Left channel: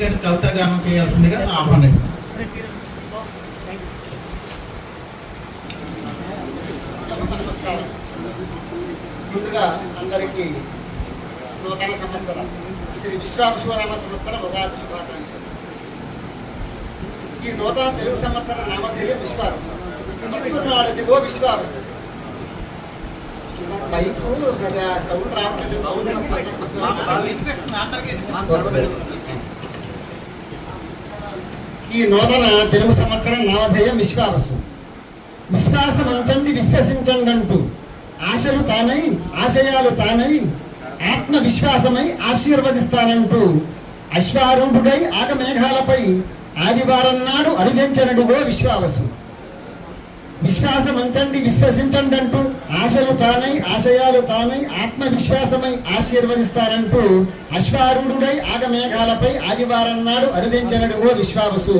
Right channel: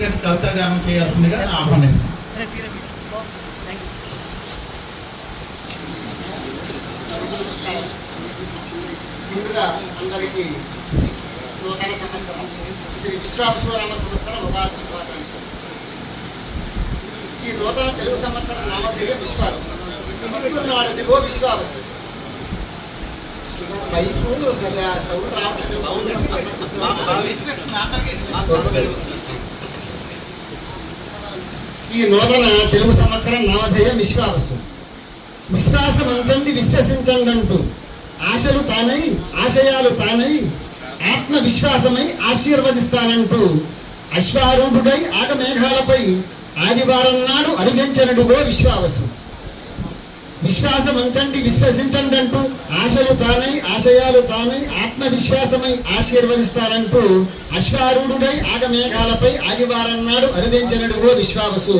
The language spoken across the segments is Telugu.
కవితా గానం చేయాల్సిందిగా ఆహ్వానిస్తాం. ముందుగా అందరికీ నూతన సంవత్సరం శ్రీ విశ్వావసునామ సంవత్సరం ఉగాది శుభాకాంక్షలు. ఈ నూతన తెలుగు సంవత్సరం నామధేయం విశ్వావసు. వస్తున్నాడు దిగో విశ్వావసు. సౌండ్ రావట్లేదు. ఈ నూతన తెలుగు సంవత్సరం నామధేయం విశ్వావసు. విశ్వాసం ఉంచండి, విశ్వసించండి అంటూ ఆశలు తానై ఆశయాలు తానై ఆత్మవిశ్వాసమై ఆశీర్వదిస్తానంటూ అశ్వారూఢుడై ఆగమేఘాలపై ఆదివారం నాడు అరుగించనడుగో విశ్వావసు. విశ్వాసం ఉంచండి, విశ్వసించండి అంటూ ఆశలు తానై ఆశయాలు తానై ఆత్మవిశ్వాసమై ఆశీర్వదిస్తానంటూ అశ్వారూఢుడై ఆగమేఘాలపై ఆదివారం నాడు అరుదించనడుగో విశ్వావసు.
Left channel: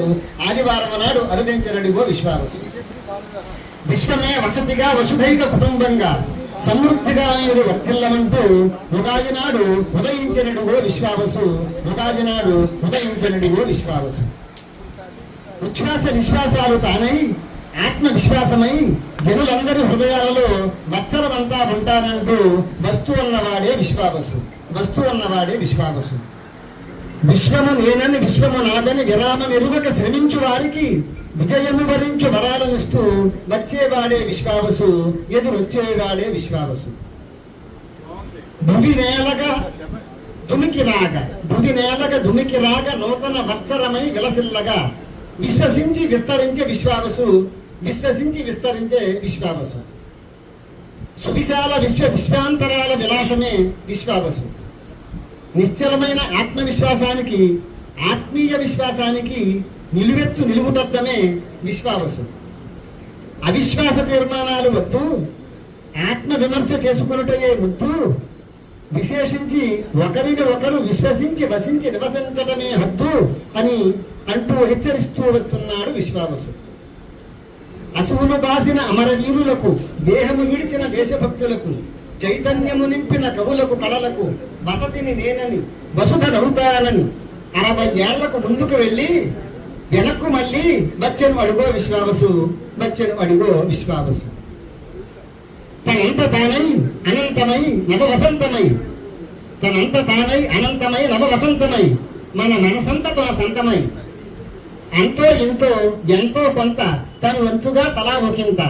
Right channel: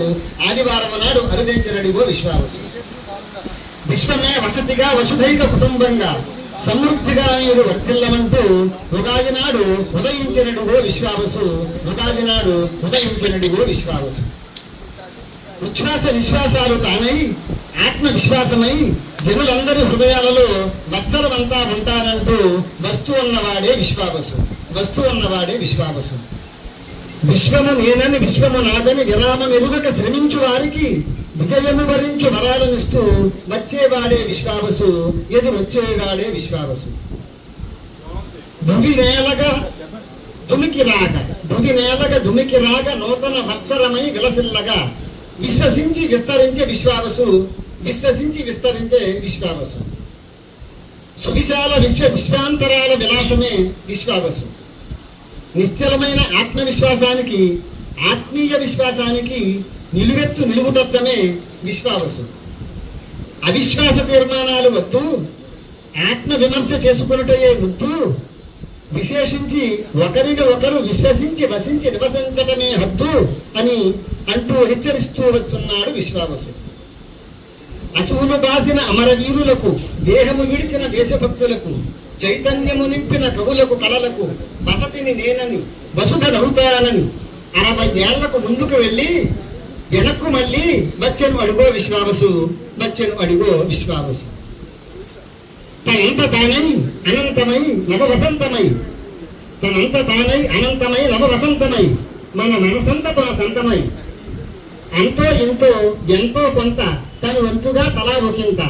ఆదివారం నాడు అరుదించనడుగో విశ్వావసు. విశ్వమే వసతిగా వసుధైక కుటుంబంగా సమృద్ధిగా మీరు వర్తిల్లమంటూ ఉగాది నాడు ఉదయించనడుగో విశ్వావసు. ఉగాది నాడు ఉదయించనడుగో విశ్వావసు. ఉచ్ఛ్వాస నిశ్వాసాలు తానై ఆత్మవిశ్వాసమై జనులందరి హృదయాలలో వత్సరమంతా ఉంటానంటూ వస్తు ఉన్నవాడే విశ్వావసు. వస్తు ఉన్నవాడే విశ్వావసు. విశ్వము నేనని విశ్వము నాదని విరామం ఎరుగక శ్రమించు వారికి విజయము వరించు వరాలనిస్తూ వచ్చేవాడే విశ్వావసు. ఎదురొచ్చేవాడే విశ్వావసు. భువి నేలగా దుమికి రాగ నూతన వత్సరమై విలసిల్లగా విశ్వసించి విస్తరించే విశ్వావసు. విశ్వసించి విస్తరించే విశ్వావసు. సువిశాల విశ్వాంతరాల విలాసమే విశ్వావసు. నిశ్చలమైన ఆత్మవిశ్వాసానికి ఆత్మీయ విశ్వాసానికి నిలువెత్తు నిలువుటద్దమే విశ్వావసు. అవిశ్వాస తీర్మానాలు వద్దు, ఆత్మ విమర్శ చేసుకున్నటయే ముద్దు. విశేషించి ఒకరిని ఒకరు విశ్వసించి వసించి నివసించటమే హద్దు అని అంటూ హెచ్చరిస్తూ వస్తున్నాడు విశ్వావసు. అసువులు బాసిన అమరవీరులకు, దేహము విడిచిన దేశభక్తులకు, చైతన్యము నింపిన కవులకు, కళలకు వసతిని నేనని వసుధ నవ్వుతానని 60 ఏళ్లకు ముందుకు వెళ్ళి వెనక్కు మళ్ళీ వచ్చెను అడుగో విశ్వావసు. వచ్చెను అడుగో విశ్వావసు. తనంత తానై అనంతమై నవవసంతమై, తనంత తానై అనంతమై నవవసంతమై మన మనసంత తన సంతమై అంతో ఇంతో ఎంతో కొంత తన వంతుగా తలా ఒకంత.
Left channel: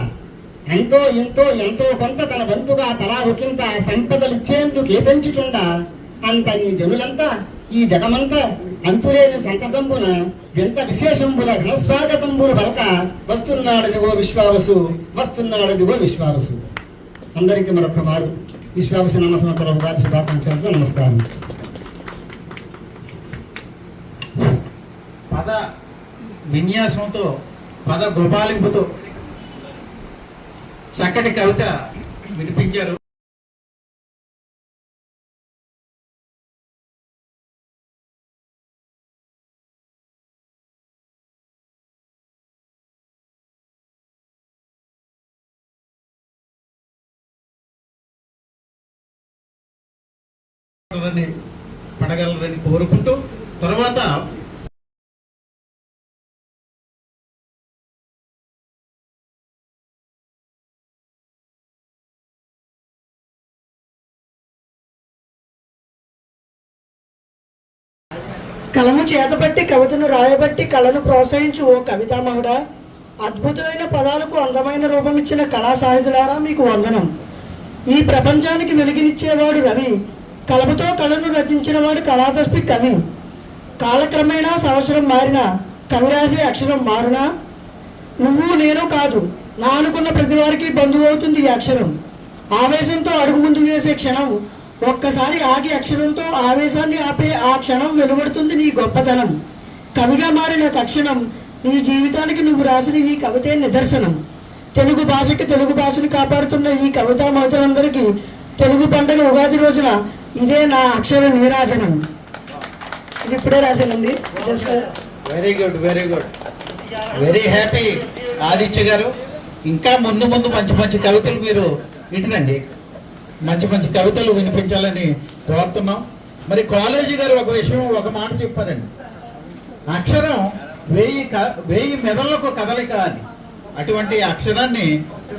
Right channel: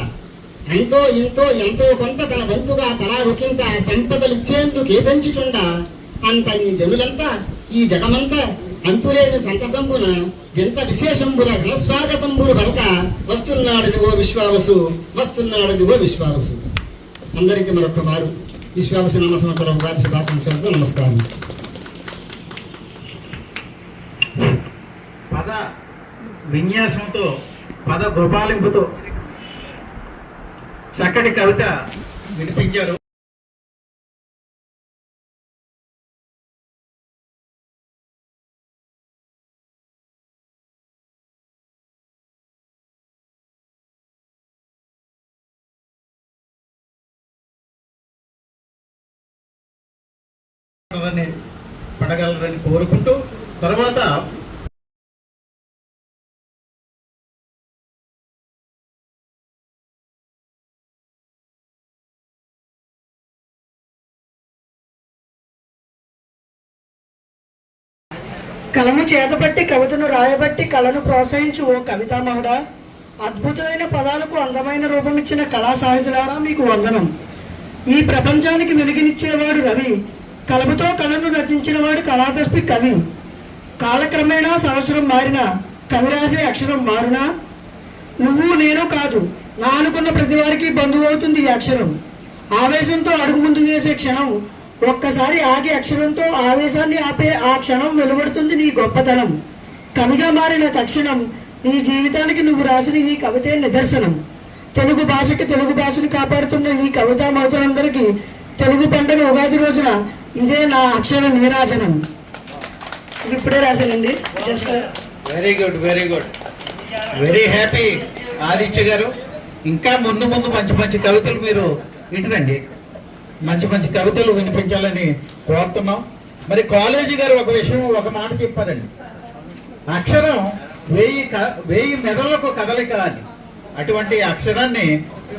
అంతో ఇంతో ఎంతో కొంత తన వంతుగా తలా ఒకంత సంపదలిచ్చేందుకు ఏదంచుచుండ అంతని జనులంతా ఈ జగమంతా అంతులేని సంతసంబున ఎంత విశేషంబుల ఘనస్వాగతంబులు పలక వస్తున్నాడదిగో విశ్వావసు. వస్తున్నాడదిగో విశ్వావసు. అందరికీ మరొక మారు విశ్వావసు నామ సంవత్సరం ఉగాది శుభాకాంక్షలతో నమస్కారం. పద విన్యాసంతో, పద గోపాలింపుతో చక్కటి కవిత వినిపించారు. పడగలరని కోరుకుంటూ తర్వాత కలము చేతబట్టి కవితను రాయబట్టి కళను ప్రోత్సహించు ఓ కవితామహుడా. అద్భుతమైన పదాలకు అందమైన రూపమిచ్చిన కళా సాహితులారా మీకు వందనం. ఈ ప్రపంచానికి వెలుగునిచ్చేవాడు రవి, కలముతో కళను రచించిన వాడు కళాదస్పి కవి. కాలక్రమేణా సంవత్సరం మారినా కవి రాసే అక్షరం మారునా. నువ్వు నేను కాదు, నా అనుకున్న ప్రతి వారికి బంధువు అవుతుంది ఈ అక్షరం. ఆవేశంతో అడుగు ముందు వేసే క్షణం, ఒక్కసారి ఆగే అక్షరంతో ఆవేశాన్ని ఆపే ఆ క్షణం వెలువడుతుంది నీ గొప్పతనం. కవిగా మారిన తక్షణం నీ జీవితానికి నువ్వు రాసిన ఈ కవితే నిదర్శనం. తెలుగు భాషకి తెలుగు భాషను కాపాడుతున్న ఈ కవితా మహతులందరికీ తెలుగు పండుగ ఉగాది రోజున ఇదే నా అక్షర నీరాజనం. ఇది ఇప్పుడే రాశానండి. Just very good, very good, very happy Aditya garu. ఇంకా ముందు ముందు మంచి మంచి కవితలు మీరు ఇటురండి, మంచి మంచి కవితలు వినిపించాలని కోరుతున్నాం. మరి కాలేజీ గారు ఒక విషయం, ఒక మాట చెప్పారండి. అక్షరం 1000 మెదళ్లకు కదలిక అని. అటువంటి అక్షరాన్ని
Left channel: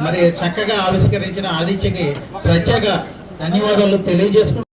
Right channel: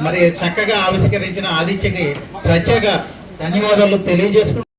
మరి చక్కగా ఆవిష్కరించిన ఆదిత్యకి ప్రత్యేక ధన్యవాదాలు తెలియజేసుకుంటున్నాను.